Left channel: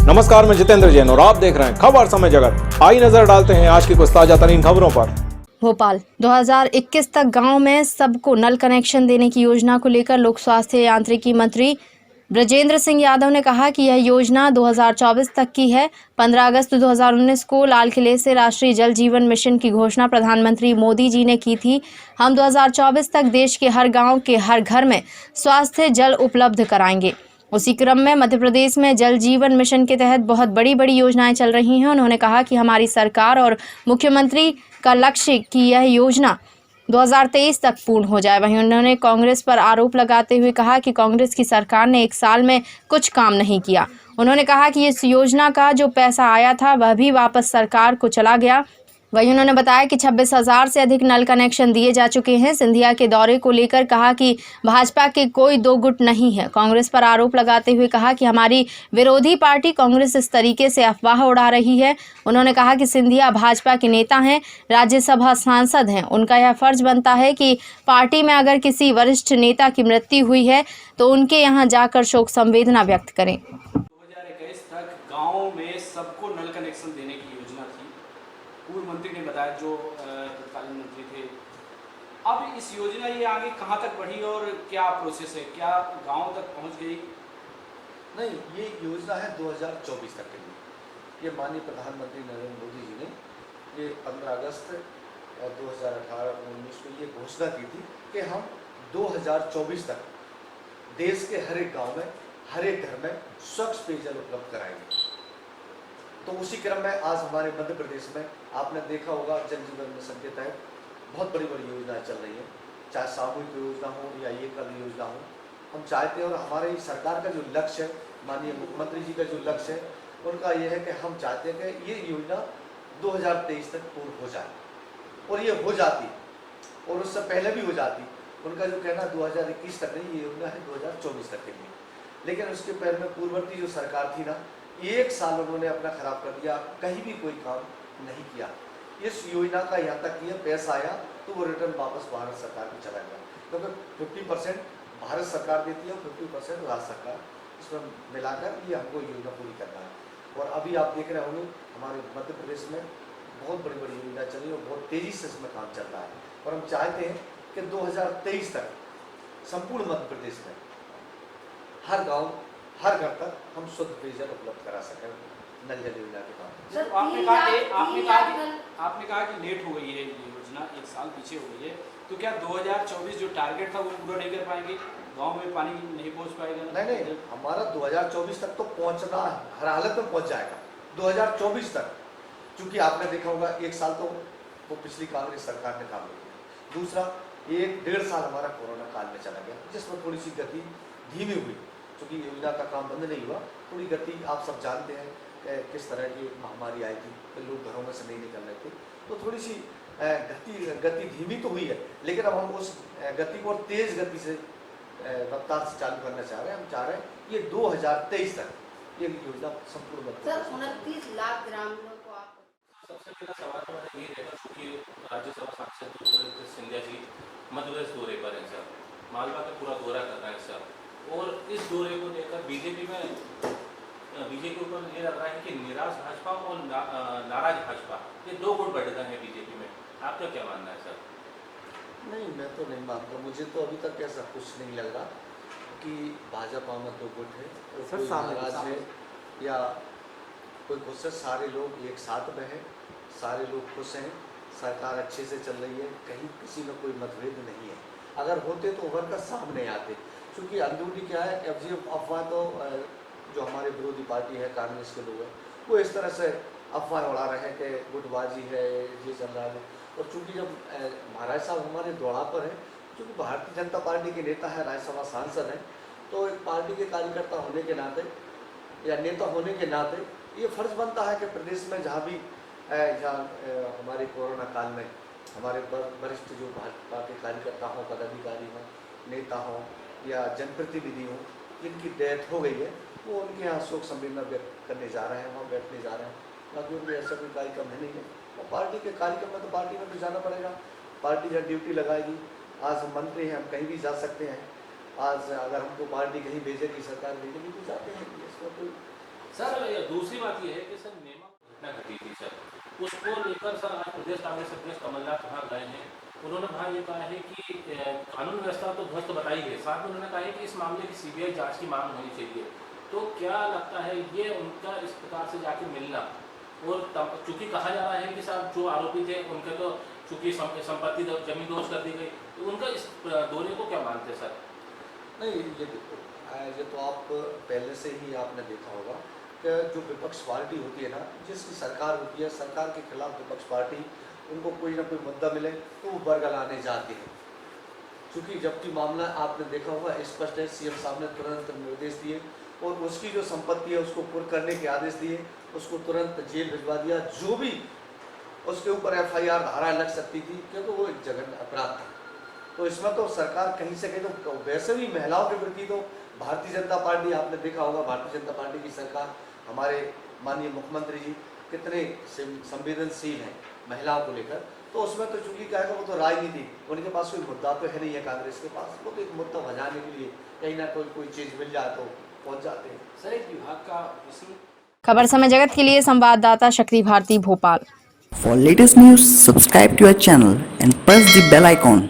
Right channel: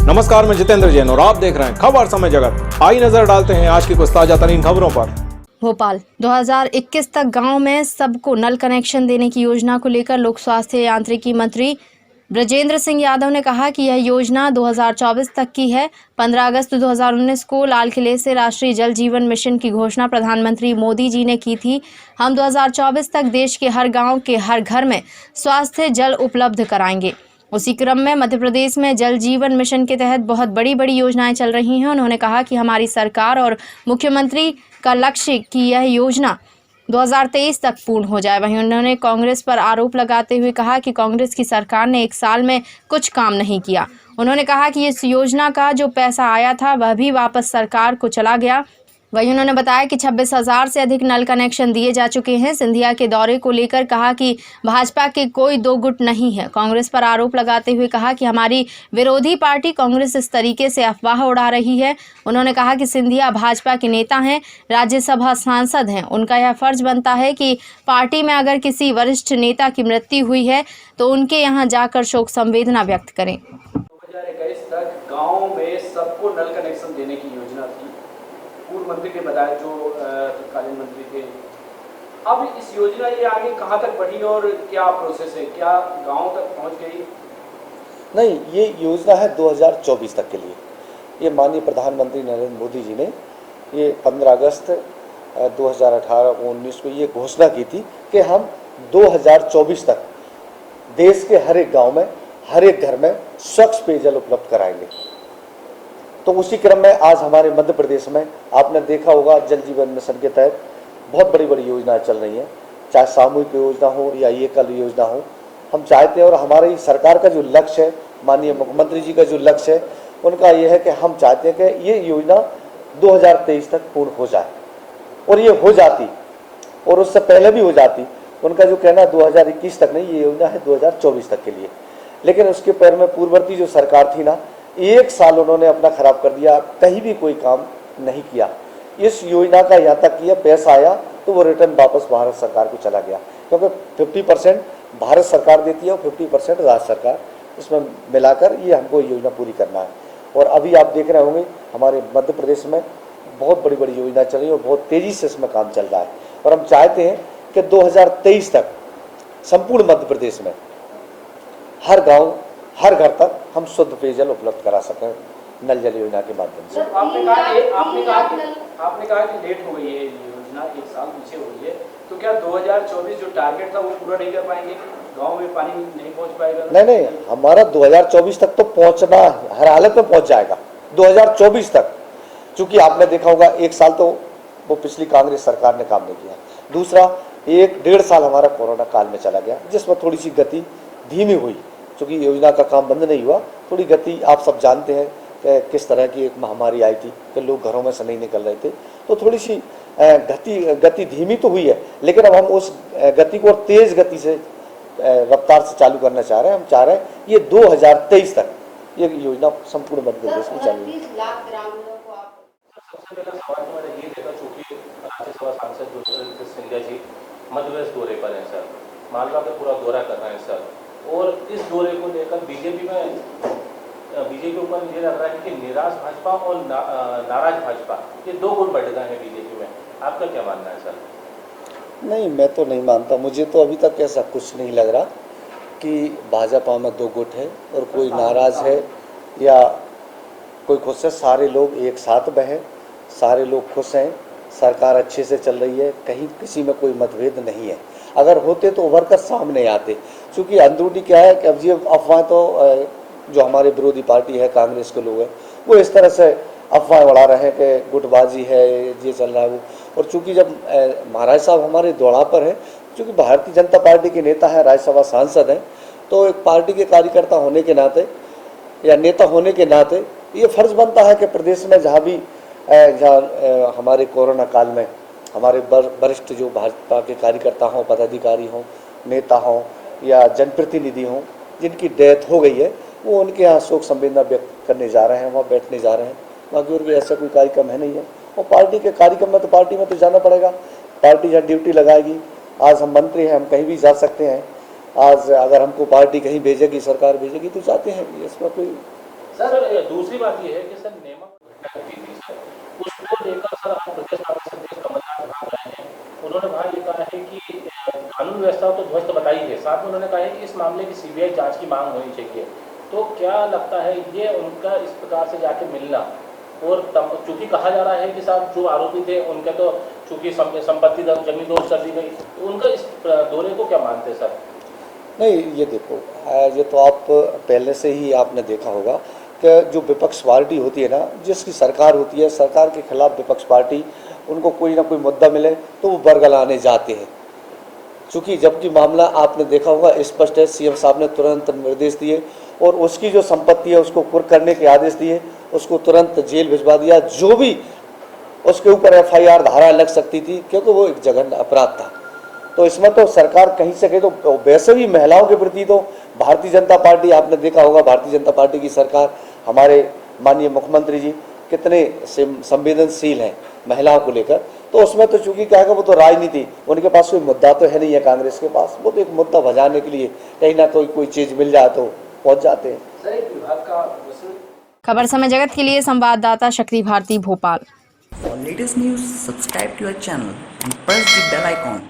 नमस्कार, मैं जितेंद्र जैन और आप देख रहे हैं खबर समय जगत। आई नजर डालते हैं आज की कुछ ताजा तरीन खबरों पर। भोपाल 2021 तक गांव में सबको नल कनेक्शन देने की योजना को लेकर लोक स्वास्थ्य यांत्रिकी मंत्री ब्रजेंद्र सिंह यादव ने कहा कि यह योजना 2024 तक की है। 15 अगस्त 2019 को लाल किले से राष्ट्रीय जल जीवन मिशन की घोषणा प्रधानमंत्री मोदी जी ने की थी। हम 2024 तक देश के हर गांव के हर घर में स्वास्थ्य जल उपलब्ध कराएंगे। उसी क्रम में मध्य प्रदेश में जल जीवन मिशन के तहत बहुत बड़ी बड़ी योजनाएं चल रही हैं। उन्होंने कहा कि हमारी सरकार और मुख्यमंत्री का लक्ष्य कि यह योजना 2023 तक पूर्ण हो जाए। वहीं उन्होंने कांग्रेस पर आरोप लगाते हुए कहा कि कांग्रेस की सरकार ने 1 साल में कुछ काम नहीं किया। उन्होंने कहा कि इस योजना का जो पैसा आया था वह भी वापस सरकार को चला गया। वहीं उन्होंने बताया कि 26,000 से अधिक नल कनेक्शन दिए जा चुके हैं। सिंधिया के दौरे को लेकर कहा कि भाजपा के कोई दो गुट नहीं है। कांग्रेस पर आरोप लगाते हुए कहा कि हमारी विरोधी पार्टी कांग्रेस इस तरीके से अफवाह उड़ा रही है। उन्होंने कहा कि सिंधिया भाजपा के नेता हैं, राज्यसभा सांसद हैं। उनका यह फर्ज बनता है कि पार्टी में अगर किसी वरिष्ठ नेता की मृत्यु हुई है तो उनके यहाँ जाकर शोक संवेदना व्यक्त करें। 2021 तक गाँव में सबको नल कनेक्शन देने की योजना थी। पूर्व मंत्री ने बताया जो तत्कालीन मंत्री थे। अब इस योजना ये आगे कहाँ तक बढ़ी और क्या प्रोसेस है, क्या गांव तक पहुँच गई? नहीं, ये योजना है 2024 तक के लिए। ये माननीय प्रधानमंत्री नरेंद्र मोदी जी ने ये 15 अगस्त 2018-19 को ये घोषणा की थी कि हम 2024 तक देश के हर एक गांव में, हर एक घर में स्वच्छ पेयजल उपलब्ध कराएंगे। तो उसी क्रम में आज हमारे मध्य प्रदेश में आपने देखा होगा जल जीवन मिशन के तहत बहुत बड़ी बड़ी योजनाएं चल रही हैं, चाहे सामूहिक योजना हो या ये कल योजना हो। हम चाहते हैं और हमारी सरकार का जो लक्ष्य है, माननीय मुख्यमंत्री जी का जो लक्ष्य है, उनका ये है कि हम चाहते हैं कि ये योजना 2023 तक पूर्ण हो जाए और ये हो जाती और उससे पहले भी हो जाती। उनका जो कहना 2021 तक नहीं, ये योजना है 2024 तक के लिए। लेकिन उसके पैर में पूर्ववर्ती जो सरकार थी ना, 1 साल उन्होंने अपना खराब कर दिया, कहीं भी कोई काम नहीं किया। इस योजना का यहाँ तक किया, पैसा आया तो वो रिटर्न वापस भारत सरकार को चला गया, क्योंकि 50% भारत सरकार देती है और 50% राज्य सरकार, इसमें मिलाकर ये हमको योजना पूरी करना है। और अभी आप देख रहे होंगे हमारे मध्य प्रदेश में बहुत बड़ी बड़ी योजना चल रही है और बहुत तेज़ी से इसमें काम चल रहा है। और हम चाहते हैं कि 2023 तक संपूर्ण मध्य प्रदेश में हर गाँव, हर घर तक हम शुद्ध पेयजल उपलब्ध करा सकें नल जल योजना के माध्यम से। आपने कहा कि लेट हो गई है ये योजना, 1 साल पीछे हो गई है, तो क्या 2024 जो टारगेट था वो पूरा नहीं कर पाएंगे? गांव में पानी नहीं पहुंच पाएगा? नहीं, हमारा 2024 तक तो पहुंचना हर हालत में पहुंच जाएगा। 2024 तक, चूंकि आपने देखा होगा 1 साल तो वो पिछली कांग्रेस सरकार ने काम नहीं किया। दूसरा 1-1.5 साल हमारा कोरोना काल में चला गया, जिसमें थोड़ी सी गति धीमी हुई, क्योंकि योजना का काम बंद नहीं हुआ। थोड़ी गति, आप सब जानते हैं कि किस तरह की एक महामारी आई थी कि लोग घरों में से नहीं निकल रहे थे, तो थोड़ी सी गति धीमी तो हुई है। लेकिन अब हम उस गति को तेज गति से, रफ्तार से चालू करना चाह रहे हैं। हम चाह रहे हैं ये 2023 तक ये योजना संपूर्ण मध्य प्रदेश में चालू। सबसे पहला सवाल तो मेरा ये रहेगा, चूंकि राज्यसभा सांसद सिंधिया जी मध्य प्रदेश दौरे पर हैं सर, मालवा का पूरा दौरा कर रहे हैं सर, और इस दौरे को लेकर बीजेपी ऊपर ये लग रहा है कि निराश भाजपा और नाराज भाजपा, ये 2 गुट बढ़ गए हैं बीजेपी में। आपका क्या मानना है सर? नहीं, मैं तो नहीं मानता। मुझे तो अभी तक ऐसा कुछ नहीं लग रहा कि भाजपा में 2 गुट है और कोई नाराज है या कोई खुश है। सारे लोग एक साथ में हैं, सारे लोग खुश हैं, सरकार अच्छे से चल रही है, कहीं किसी में कोई मतभेद नहीं है। अगर होते तो उभर कर सामने आते, क्योंकि अंदरूनी क्या है कि अब ये अफवाह तो जो हमारे विरोधी पार्टी है, कांग्रेस के लोग हैं, वो इस तरह से अफवाह उड़ा रहे हैं कि गुटबाजी है, ये चल रहा है वो। और चूंकि जब महाराज साहब हमारे दौड़ा पर हैं, चूँकि भारतीय जनता पार्टी के नेता हैं, राज्यसभा सांसद हैं, तो एक पार्टी के कार्यकर्ता होने के नाते या नेता होने के नाते ये फर्ज बनता है कि प्रदेश में जहाँ भी जहाँ हमारे कोरोना काल में हमारे वरिष्ठ जो भाजपा के कार्यकर्ता हों, पदाधिकारी हों, नेता हों या जनप्रतिनिधि हों, जिनकी डेथ हो गई है, वो उनके यहाँ शोक संवेदना व्यक्त करने जा रहे हैं, वहाँ बैठने जा रहे हैं। बाकी और भी ऐसा कोई कार्यक्रम है नहीं है। और पार्टी के कार्यक्रम में तो पार्टी में तो जाना पड़ेगा, पार्टी जहाँ ड्यूटी लगाएगी। आज हम मंत्री हैं, हम कहीं भी जा सकते हैं। आज अगर हमको पार्टी कहीं भेजेगी, सरकार भेजेगी तो जाते हैं, इसमें कोई सर दूसरी बात ये है कि सर नेमक सर उसको लेकर सर आज प्रदेश कांग्रेस अध्यक्ष कमलनाथ आ रहे हैं। उन्होंने वहाँ ये कहा है कि कानून व्यवस्था तो ध्वस्त बताई है, साथ में उन्होंने कहा है कि इस मामले की सीबीआई जांच की मांग होनी चाहिए। तो क्या लगता है ये उनका इस प्रकार से जाके मिलना, और चूंकि कहा जा रहा है कि साहब जो आरोपी थे उनका तो चूंकि संपत्ति जमीन दोष कर दी गई, तो उनका इस दौरे को क्या मानते सर? नहीं, ये देखो, ये तो आप पहले से ही आपने देखा होगा कि जो विपक्ष पार्टी होती है ना, जिसकी सरकार होती है, सरकार के खिलाफ विपक्ष पार्टी उनको कोई ना कोई मुद्दा मिले तो वो बरगलाने जाते हैं। चूँकि जबकि मामला आपने देखा होगा स्पष्ट है, सीएम साहब ने तुरंत निर्देश दिए और उसकी जो संपत्ति है उसको कुर्क करने के आदेश दिए, उसको तुरंत जेल भिजवा दिया। जो भी उसके ऊपर एफआईआर धारा लग सकती थी, क्योंकि वो एक जघन्य अपराध था। तो इसमें तो सरकार कहीं से कहीं तो वैसे भी महिलाओं के प्रति तो भारतीय जनता पार्टी, आपने देखा होगा भारतीय जनता पार्टी की सरकार, हमारे माननीय मुख्यमंत्री जी कितने संवेदनशील हैं महिलाओं को लेकर। तो उसमें तो चूंकि क्या है, वो तो राजनीति, उनके पास कोई मुद्दा तो है नहीं है कांग्रेस के पास, वो तो एक मुद्दा भजाने के लिए कहीं ना कोई चीज़ मिल जाए तो पहुँच जाते हैं। सर एक विभाग का खबर समय जगत के लिए संवाददाता शक्ति Bharti Bhopal. For latest news, subscribe to our channel and press the bell icon.